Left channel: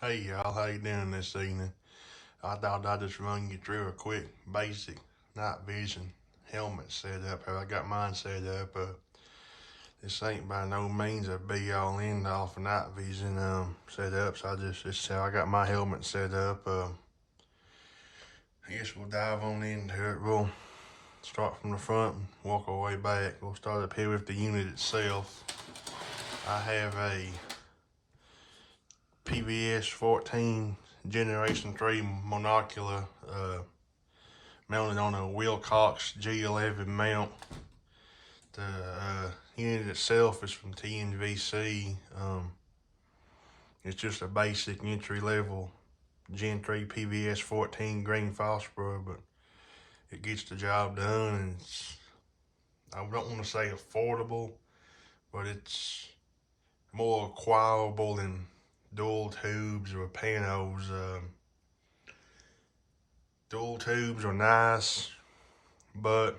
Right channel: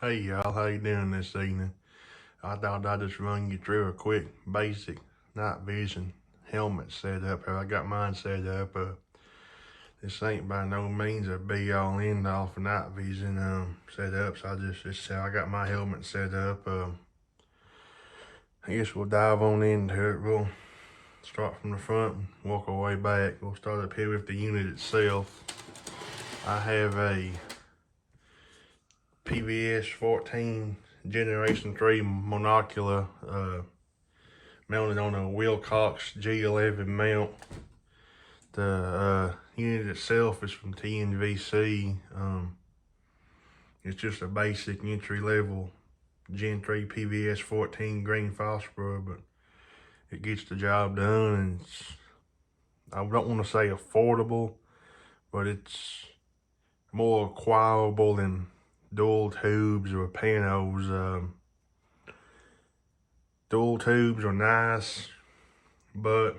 Hey y'all, how you doing this evening? I thought I'd just run you through a quick basic night vision helmet setup. How I got mine set up. This ain't by no means a be all end all for night vision setups. This is how I got my helmet set up. I guess we'll dive on into it. We'll start from the front and walk our way back. We'll start up here with the unit itself. I have a PVS 14 Generation 3 Monocular mounted on a Wilcox G11 mount. The unit itself is from TNVC. It's just a basic entry level Gen 3 PVS 14 green phosphor, but it gets the job done, and I don't want to say affordable, but it's more acquirable than dual tubes or panos. Dual tubes are nice, but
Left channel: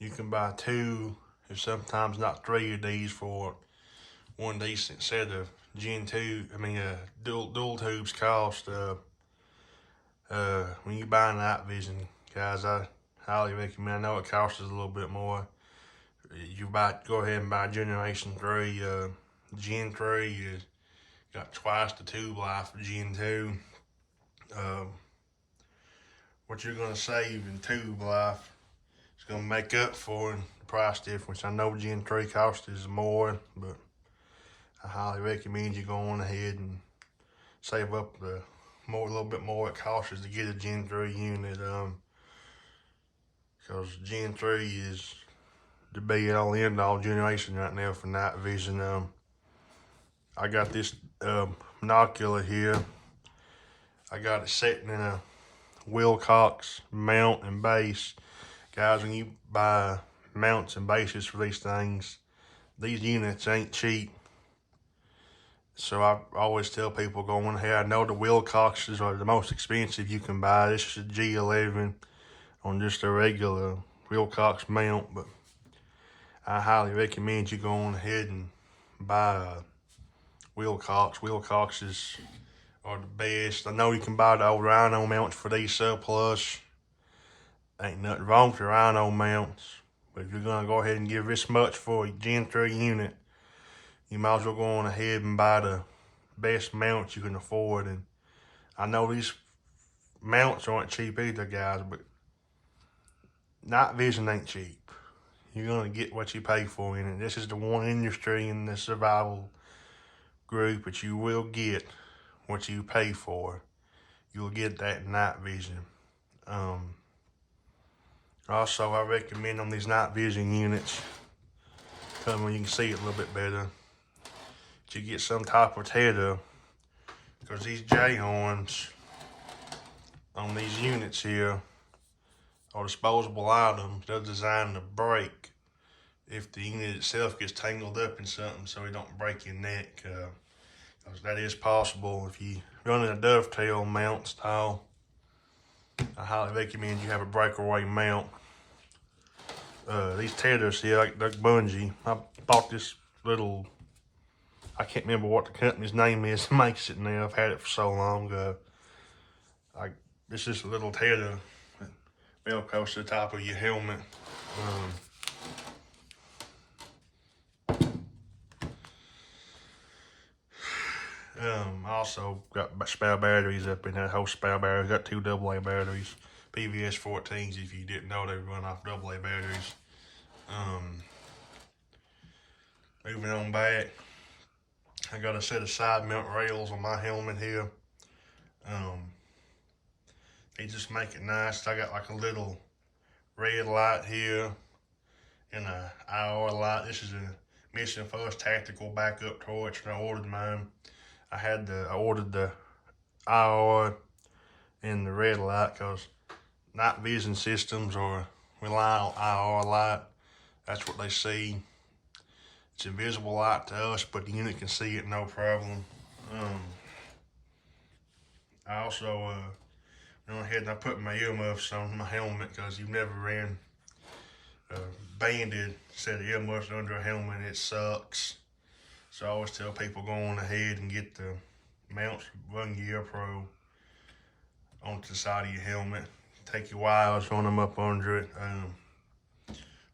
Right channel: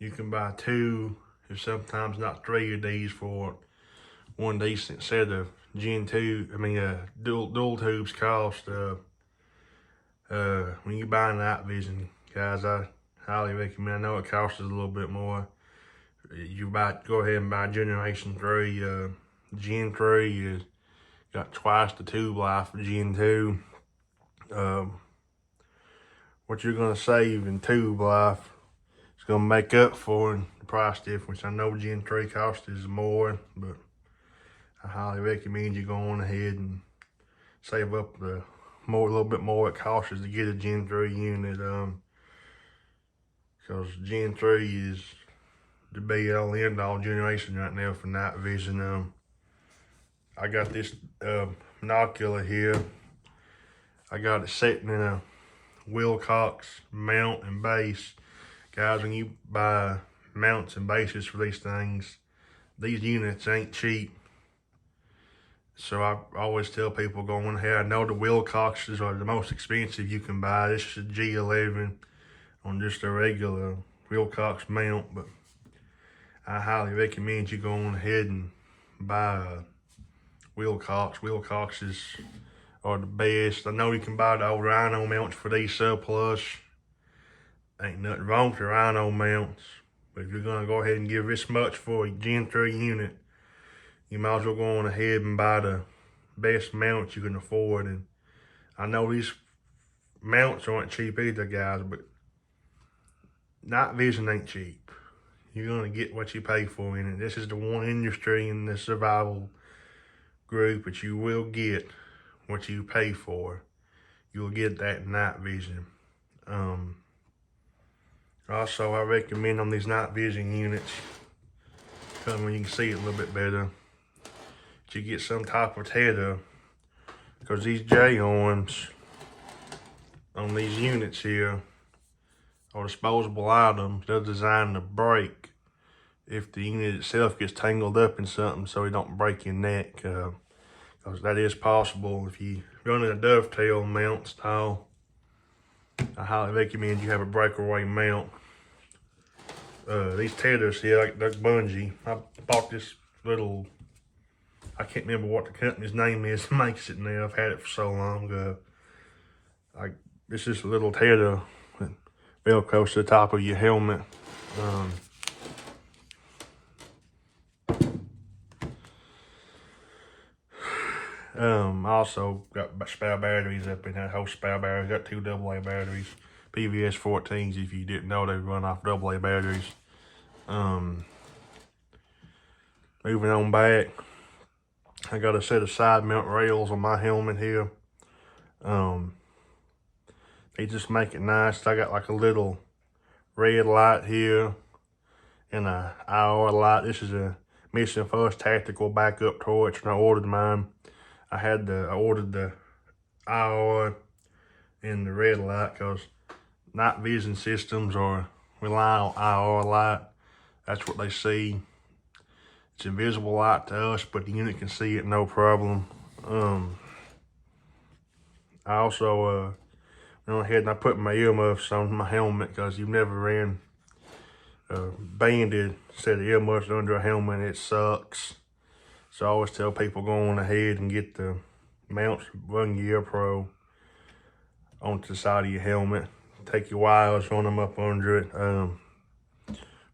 you can buy two, if sometimes not three of these for one decent set of dual tubes cost. When you buy night vision, guys, I highly recommend. I know it costs us a little bit more. Go ahead and buy Generation 3. Gen 3 is got twice the tube life of Gen 2. What you're gonna save in tube life is gonna make up for the price difference. I know Gen 3 cost is more, but I highly recommend you going ahead and save up a little bit more it costs to get a Gen 3 unit. Because Gen 3 is the be all end all generation right now for night vision. I got this Binocular here. I got it sitting in a Wilcox mount and base. Guys, when you buy mounts and bases for these things, these units ain't cheap. So I always tell people going ahead, I know the Wilcoxes are the most expensive you can buy. This is a G11 on just a regular Wilcox mount, but I highly recommend you going ahead and buy a Wilcox. Wilcoxes are the best. I know you can buy the old Rhino mounts for these surplus. Ain't nothing wrong with the Rhino mounts, but if you're gonna go ahead and give this much for a Gen 3 unit, you might as well go on ahead and buy the best mounts you can afford. And I know these mounts aren't cheap either, guys, but night vision ain't cheap. You're gonna get what you pay for in it. This is the one industry in the survival group that you will get what you pay for. You'll get that night vision. Also, I recommend on these night vision units, when you can see it a little bit better, that you get some type of tether, because these J-arms on these units here are disposable items. They're designed to break if the unit itself gets tangled up in something, so it don't break your neck. Because that is possible if you run in a dovetail mount style. I highly recommend you have a breakaway mount. These tethers here, like bungee. I bought this little, I can't remember what the company's name is, makes it now. I've had it for so long. It's just a little tether that velcros to the top of your helmet. Also got spare batteries up in that whole spare batteries. Got two AA batteries. PVS 14s, if you didn't know, they run off AA batteries. Moving on back, I got a set of side mount rails on my helmet here. They just make it nice. I got like a little red light here and a IR light. This is a Mission First Tactical backup torch, and I ordered mine. I ordered the IR and the red light because night vision systems are rely on IR light. That's what they see. It's invisible light to us, but the unit can see it no problem. I also went ahead and I put my earmuffs on my helmet, because you've never ran a banded set of earmuffs under a helmet. It sucks. So I always tell people go on ahead and get the mounts Run Gear Pro onto the side of your helmet. Take your wires, run them up under it.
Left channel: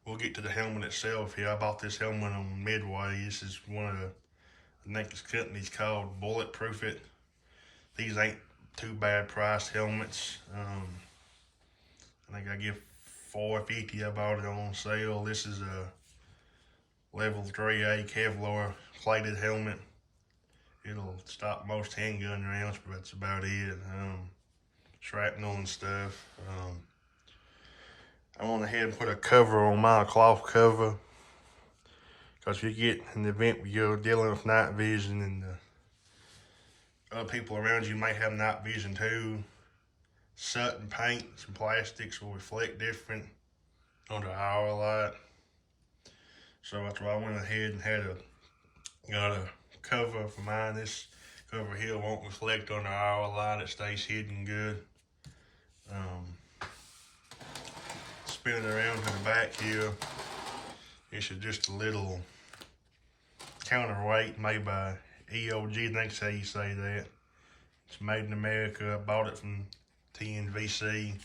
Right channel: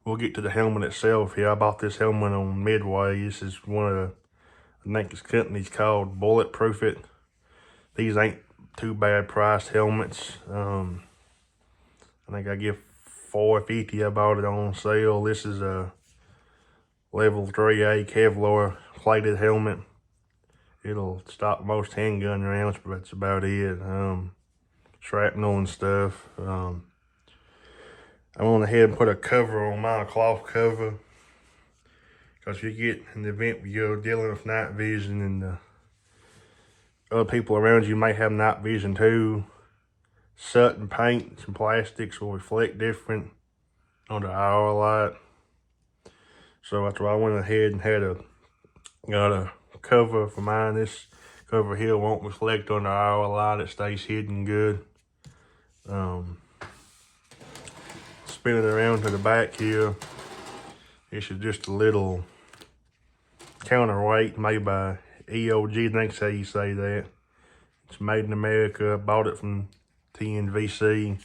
We'll get to the helmet itself here. I bought this helmet on Midway. This is one of the, I think this company's called Bulletproof It. These ain't too bad priced helmets. I think I give $4.50. I bought it on sale. This is a level 3A Kevlar plated helmet. It'll stop most handgun rounds, but that's about it. Shrapnel and stuff. I went ahead and put a cover on mine, a cloth cover. Because if you get in the event where you're dealing with night vision and other people around you might have night vision too, soot and paint and plastics will reflect different under our light. So that's why I went ahead and got a cover for mine. This cover here won't reflect under our light. It stays hidden good. Spin it around to the back here. This is just a little counterweight made by EOG. I think that's how you say that. It's made in America. I bought it from TNVC.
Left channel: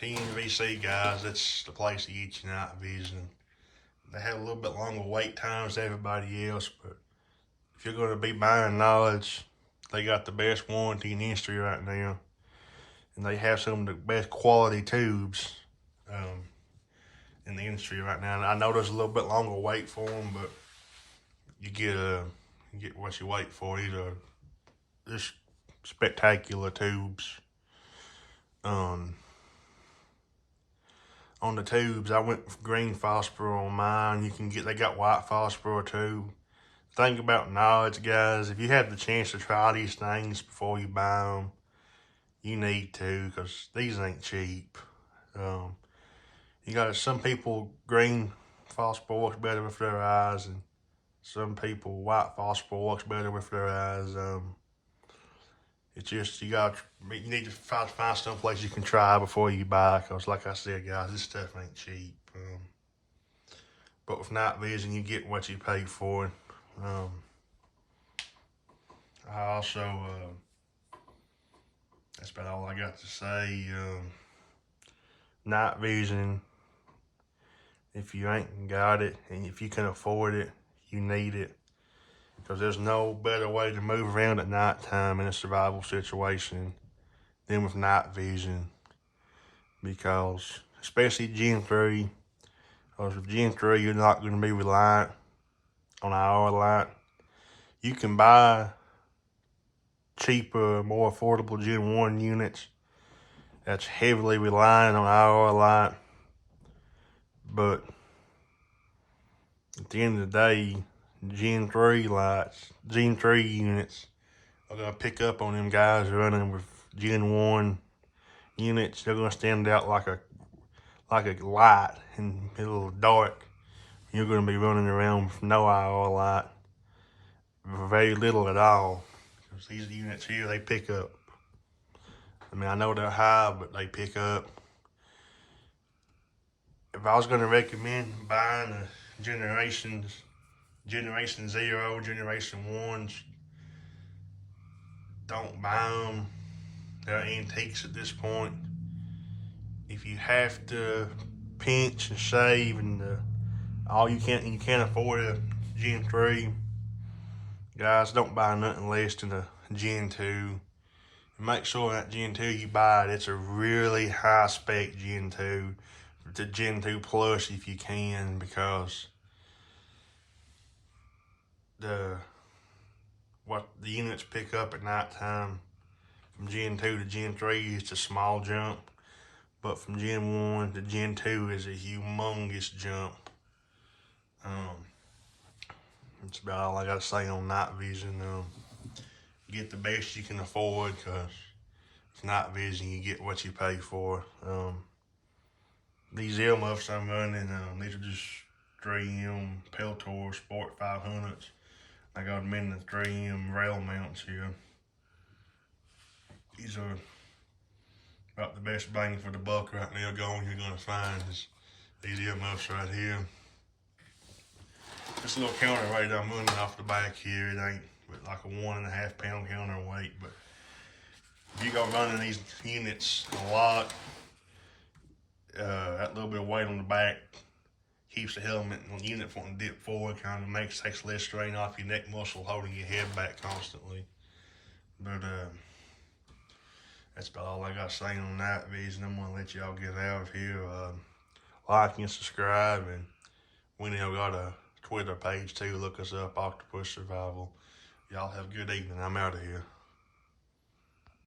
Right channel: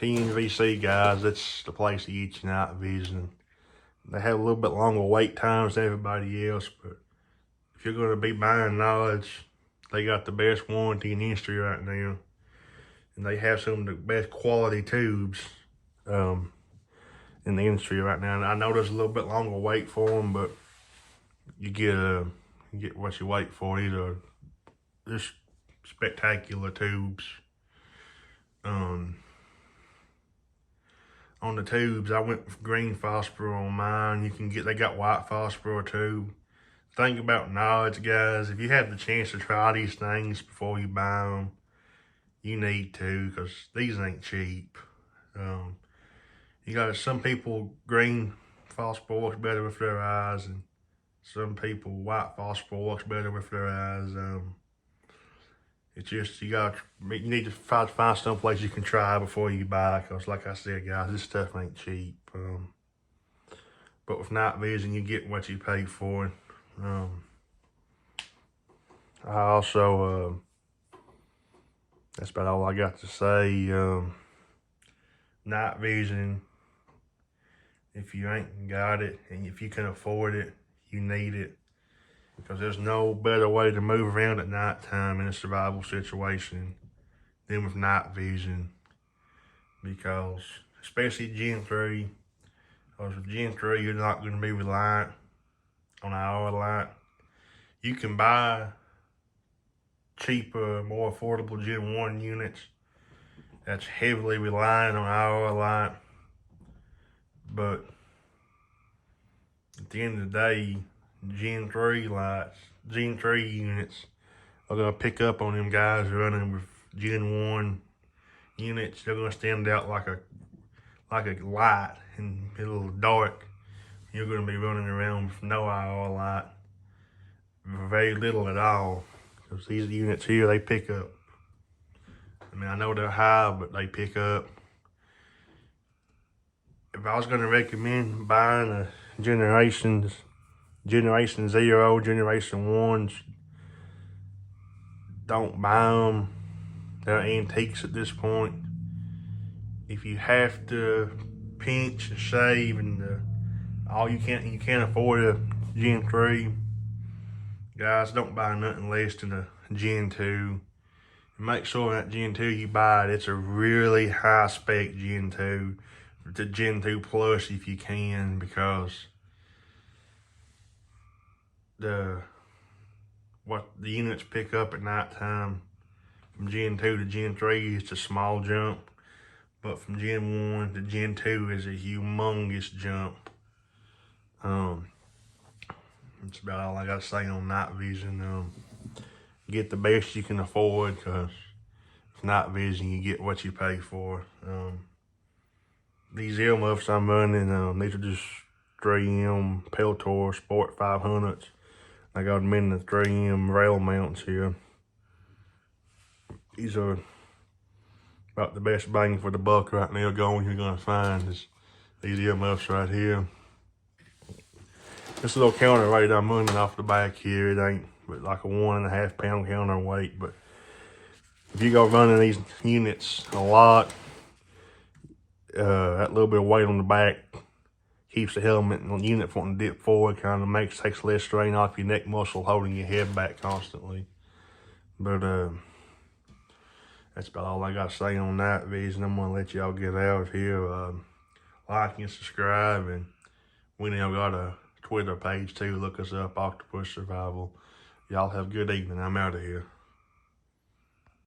TNVC guys, that's the place to get your night vision. They have a little bit longer wait times than everybody else, but if you're going to be buying knowledge, they got the best warranty in the industry right now. And they have some of the best quality tubes in the industry right now. And I know there's a little bit longer wait for them, but you get what you wait for. These are just spectacular tubes. On the tubes, I went with green phosphor on mine. They got white phosphor too. Think about knowledge, guys. If you have the chance to try these things before you buy them, you need to, because these ain't cheap. You got some people, green phosphor works better with their eyes, and some people, white phosphor works better with their eyes. It's just, you need to try to find some place you can try before you buy, because like I said, guys, this stuff ain't cheap. But with night vision, you get what you pay for. I also, that's about all I got to say. Night vision, if you ain't got it, and if you can afford it, you need it. Because there's no better way to move around at nighttime in a survival situation than with night vision. Because, especially Gen 3, because with Gen 3, you're not going to be reliant on our light. You can buy cheaper, more affordable Gen 1 units that's heavily reliant on our light. But at the end of the day, Gen 3 units are going to pick up on them guys running with Gen 1 units. They're going to stand out like a light and a little dark. You're going to be running around with no IR light, very little at all. Because these units here, they pick up. I mean, I know they're high, but they pick up. If I was going to recommend buying a Generation 0, Generation 1s, don't buy them. They're antiques at this point. If you have to pinch and save and you can't afford a Gen 3, guys, don't buy nothing less than a Gen 2. And make sure that Gen 2 you buy it's a really high spec Gen 2. It's a Gen 2 Plus if you can, because what the units pick up at nighttime from Gen 2 to Gen 3 is a small jump, but from Gen 1 to Gen 2 is a humongous jump. That's about all I got to say on night vision. Get the best you can afford, because with night vision you get what you pay for. These earmuffs I'm running, these are just 3M Peltor Sport 500s. I got them in the 3M rail mounts here. These are about the best bang for the buck right now you're gonna find is these earmuffs right here. This little counterweight I'm running off the back here, it ain't but like a 1.5 pound counterweight, but if you go running these units a lot, that little bit of weight on the back keeps the helmet and the unit from to dip forward, kind of takes less strain off your neck muscle holding your head back constantly. But that's about all I got to say on that vision. I'm gonna let y'all get out of here. Like and subscribe, and we now got a Twitter page too. Look us up, Octopus Survival. Y'all have a good evening. I'm out of here.